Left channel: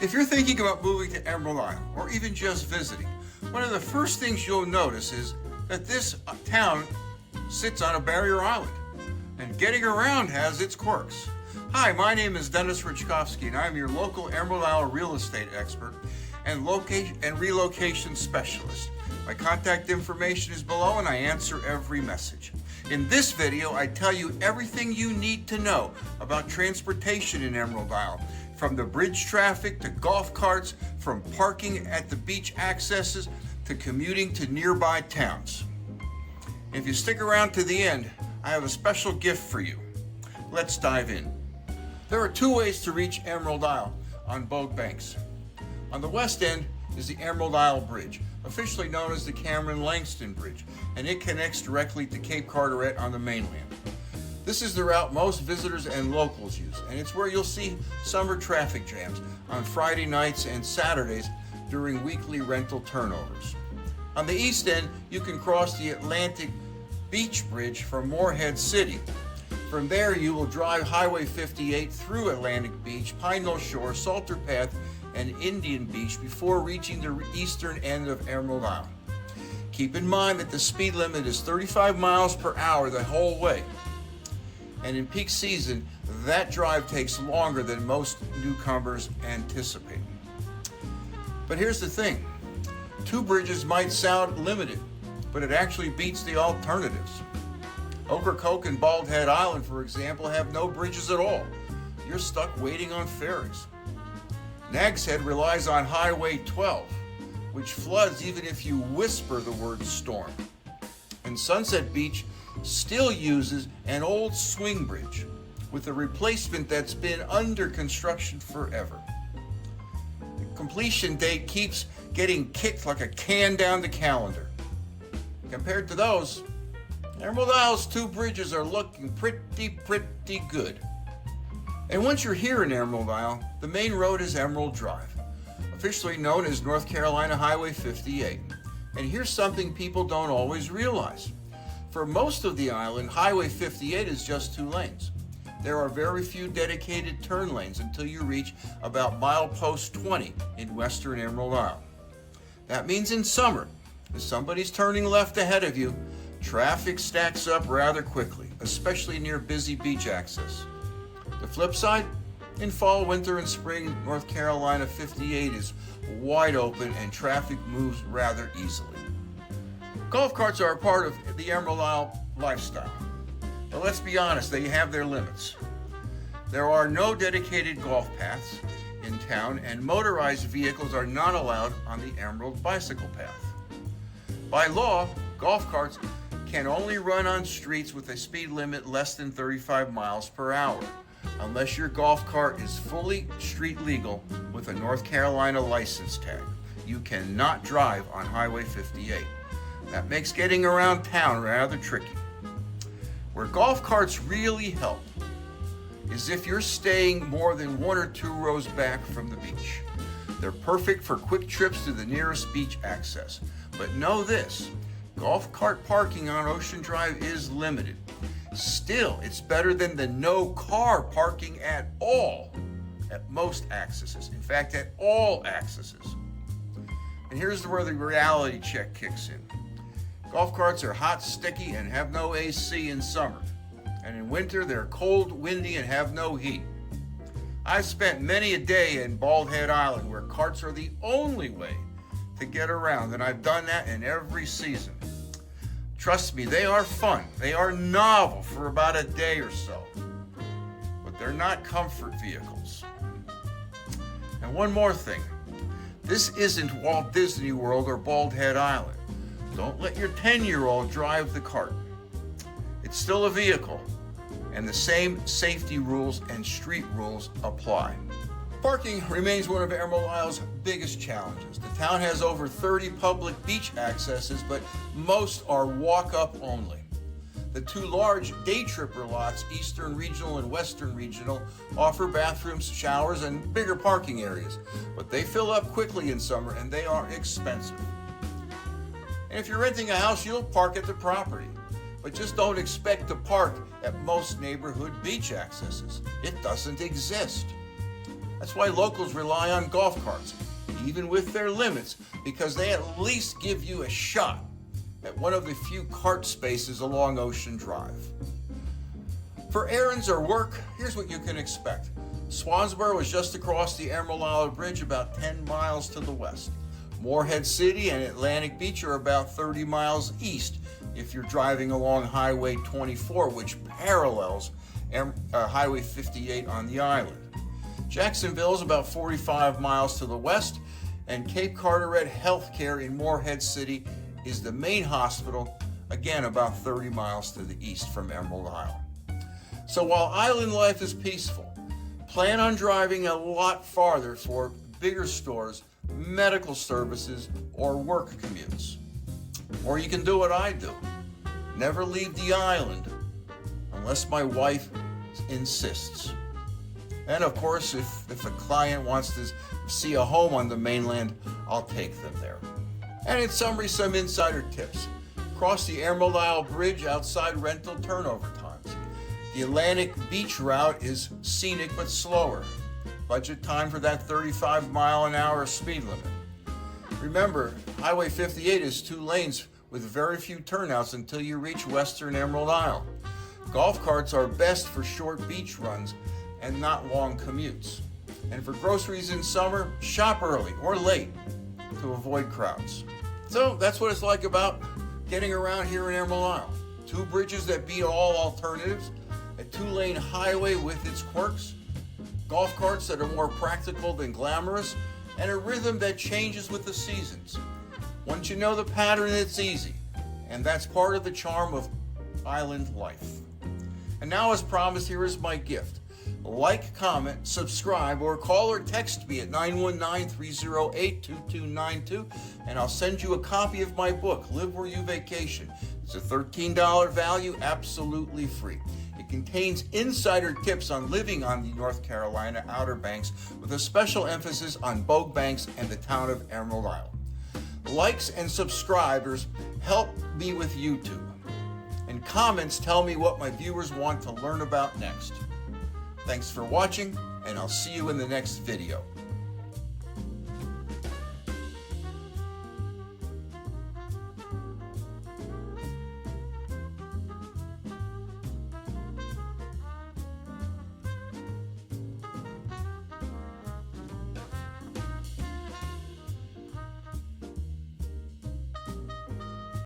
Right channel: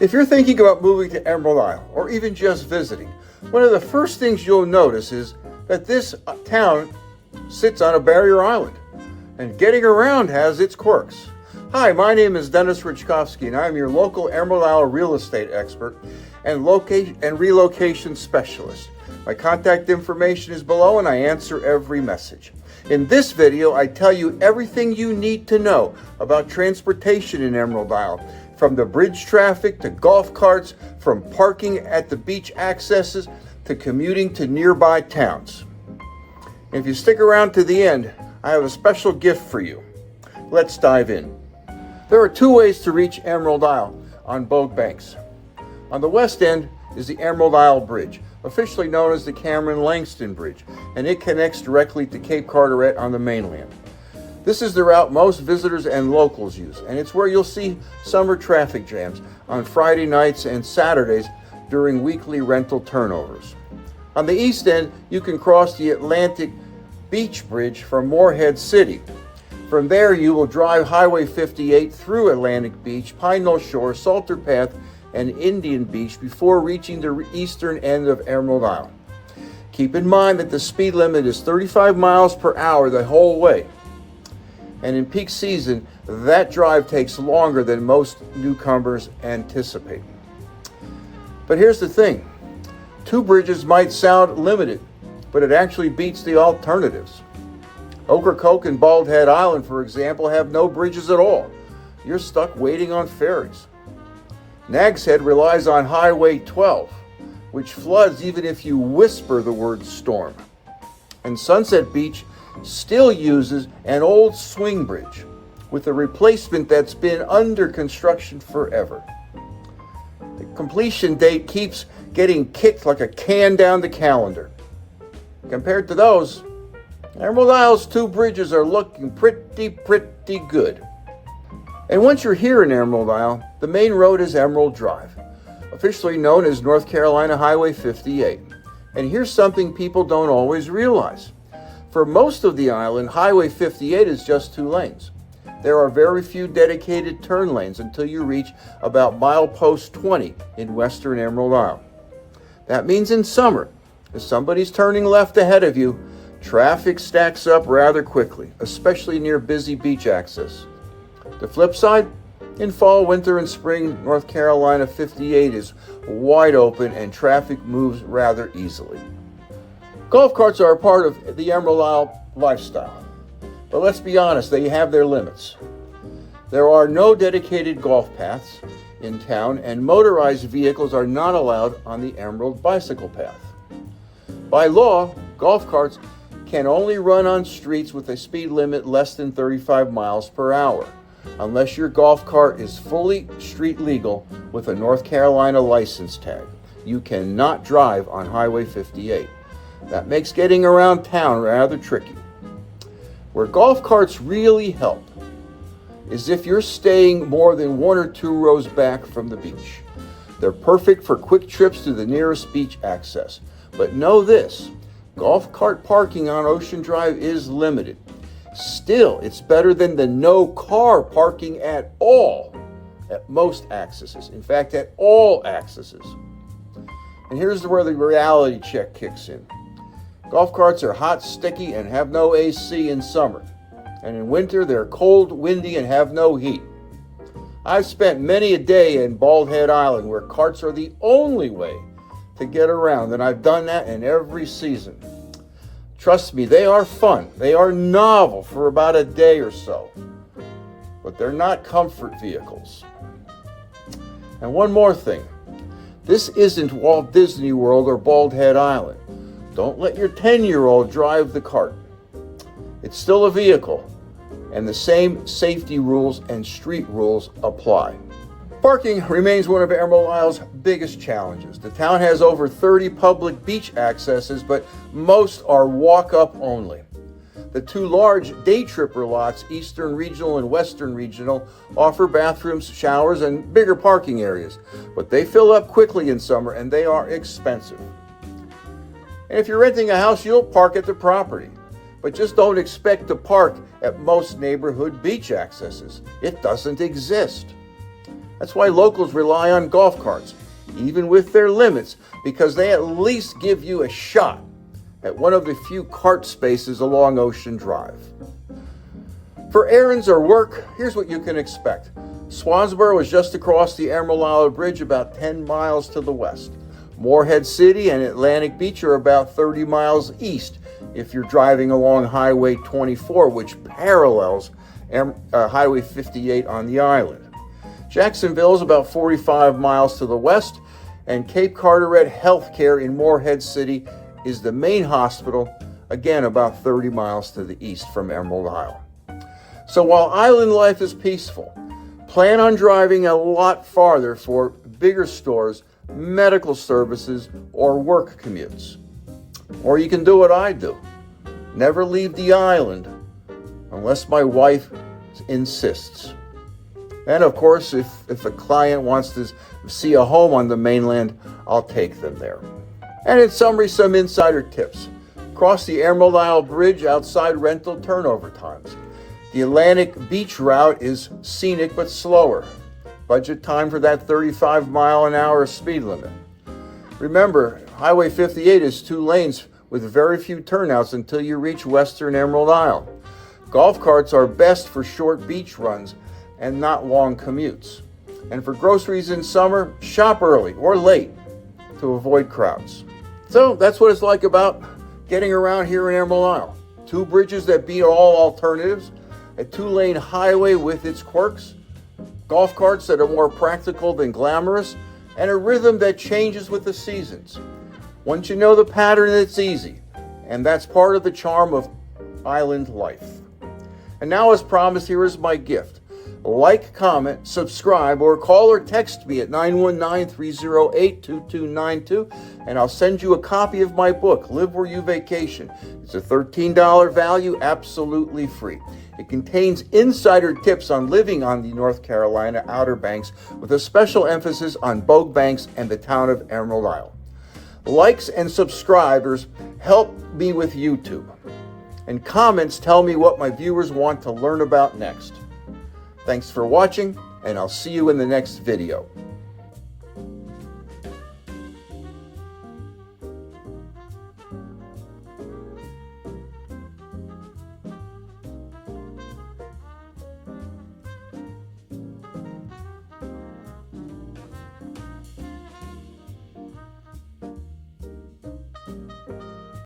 If you're thinking about moving to Emerald Isle or even just visiting, one of the first things you'll notice is that this town sits on a barrier island, and getting around has its quirks. Hi, my name is Dennis Richkovsky, and I'm your local Emerald Isle real estate expert and relocation specialist. My contact information is below, and I answer every message. In this video, I tell you everything you need to know about transportation in Emerald Isle, from the bridge traffic to golf carts, from parking at the beach accesses to commuting to nearby towns. If you stick around to the end, I have a special gift for you. Let's dive in. There are two ways to reach Emerald Isle on both banks. On the west end is the Emerald Isle Bridge, officially known as the Cameron-Langston Bridge, and it connects directly to Cape Carteret on the mainland. This is the route most visitors and locals use, and it's where you'll see summer traffic jams on Friday nights and Saturdays during weekly rental turnovers. On the east end, you can cross the Atlantic Beach Bridge from Morehead City. From there, you will drive Highway 58 through Atlantic Beach, Pine Knoll Shore, Salter Path, and Indian Beach before reaching the eastern end of Emerald Isle. Keep in mind that the speed limit is 35 miles per hour the whole way. And in peak season, that drive takes longer than most newcomers anticipate. But here's the thing. Two bridges might sound limited, but it actually beats the alternatives. Ocracoke and Bald Head Island, for example, have no bridges at all. You're stuck waiting on ferries. Nags Head relies on Highway 12, which floods even if you whisper the word storm. And Sunset Beach still uses an old swing bridge with a replacement that's been under construction forever. The completion date keeps getting kicked like a can down the calendar. Compared to those, Emerald Isle's two bridges are looking pretty good. And once you're here in Emerald Isle, the main road is Emerald Drive, officially known as North Carolina Highway 58. And here's something people don't always realize. For most of the island, Highway 58 is just two lanes. There are very few dedicated turn lanes until you reach about milepost 20 in western Emerald Isle. That means in summer, if somebody's turning left ahead of you, traffic stacks up rather quickly, especially near busy beach access. The flip side, in fall, winter, and spring, North Carolina 58 is wide open and traffic moves rather easily. Golf carts are a part of the Emerald Isle lifestyle, but let's be honest, they have their limits. There are no dedicated golf paths in town, and motorized vehicles are not allowed on the Emerald Bicycle Path. By law, golf carts can only run on streets with a speed limit less than 35 miles per hour, unless your golf cart is fully street legal with a North Carolina license tag. You cannot drive on Highway 58. That makes getting around town rather tricky. Where golf carts really help is if you're staying more than one or two rows back from the beach. They're perfect for quick trips to the nearest beach access. But know this, golf cart parking on Ocean Drive is limited. Still, it's better than the no car parking at all at most accesses. In fact, at all accesses. And here's where the reality check kicks in. Golf carts are hot, sticky, and have no AC in summer. And in winter, they're cold, windy, and have no heat. I've spent many a day in Bald Head Island where carts are the only way to get around, and I've done that in every season. Trust me, they are fun. They are novel for about a day or so. But they're not comfort vehicles. And one more thing. This isn't Walt Disney World or Bald Head Island. Don't let your 10-year-old drive the cart. It's still a vehicle, and the same safety rules and street rules apply. Parking remains one of Emerald Isle's biggest challenges. The town has over 30 public beach accesses, but most are walk-up only. The two large day tripper lots, Eastern Regional and Western Regional, offer bathrooms, showers, and bigger parking areas, but they fill up quickly in summer and they are expensive. And if you're renting a house, you'll park at the property. But just don't expect to park at most neighborhood beach accesses. It doesn't exist. That's why locals rely on golf carts, even with their limits, because they at least give you a shot at one of the few cart spaces along Ocean Drive. For errands or work, here's what you can expect. Swansboro is just across the Emerald Isle Bridge, about 10 miles to the west. Morehead City and Atlantic Beach are about 30 miles east if you're driving along Highway 24, which parallels Highway 58 on the island. Jacksonville is about 45 miles to the west, and Cape Carteret Healthcare in Morehead City is the main hospital, again about 30 miles to the east from Emerald Isle. So while island life is peaceful, plan on driving a lot farther for bigger stores, medical services, or work commutes. Or you can do what I do. Never leave the island unless my wife insists. And of course, if a client wants to see a home on the mainland, I'll take them there. And in summary, some insider tips. Cross the Emerald Isle Bridge outside rental turnover times. The Atlantic Beach route is scenic but slower. Budget time for that 35-mile-an-hour speed limit. Remember, Highway 58 is 2 lanes with very few turnouts until you reach western Emerald Isle. Golf carts are best for short beach runs and not long commutes. And for groceries in summer, shop early or late to avoid crowds. So that's what it's like about getting around here in Emerald Isle. 2 bridges that beat all alternatives, a 2-lane highway with its quirks, golf carts that are more practical than glamorous, and a rhythm that changes with the seasons. Once you know the pattern, it's easy, and that's part of the charm of island life. And now, as promised, here is my gift. Like, comment, subscribe, or call or text me at 919-308-2292, and I'll send you a copy of my book, Live Where You Vacation. It's a $13 value, absolutely free. It contains insider tips on living on the North Carolina Outer Banks with a special emphasis on Bogue Banks and the town of Emerald Isle. Likes and subscribers help me with YouTube, and comments tell me what my viewers want to learn about next. Thanks for watching, and I'll see you in the next video.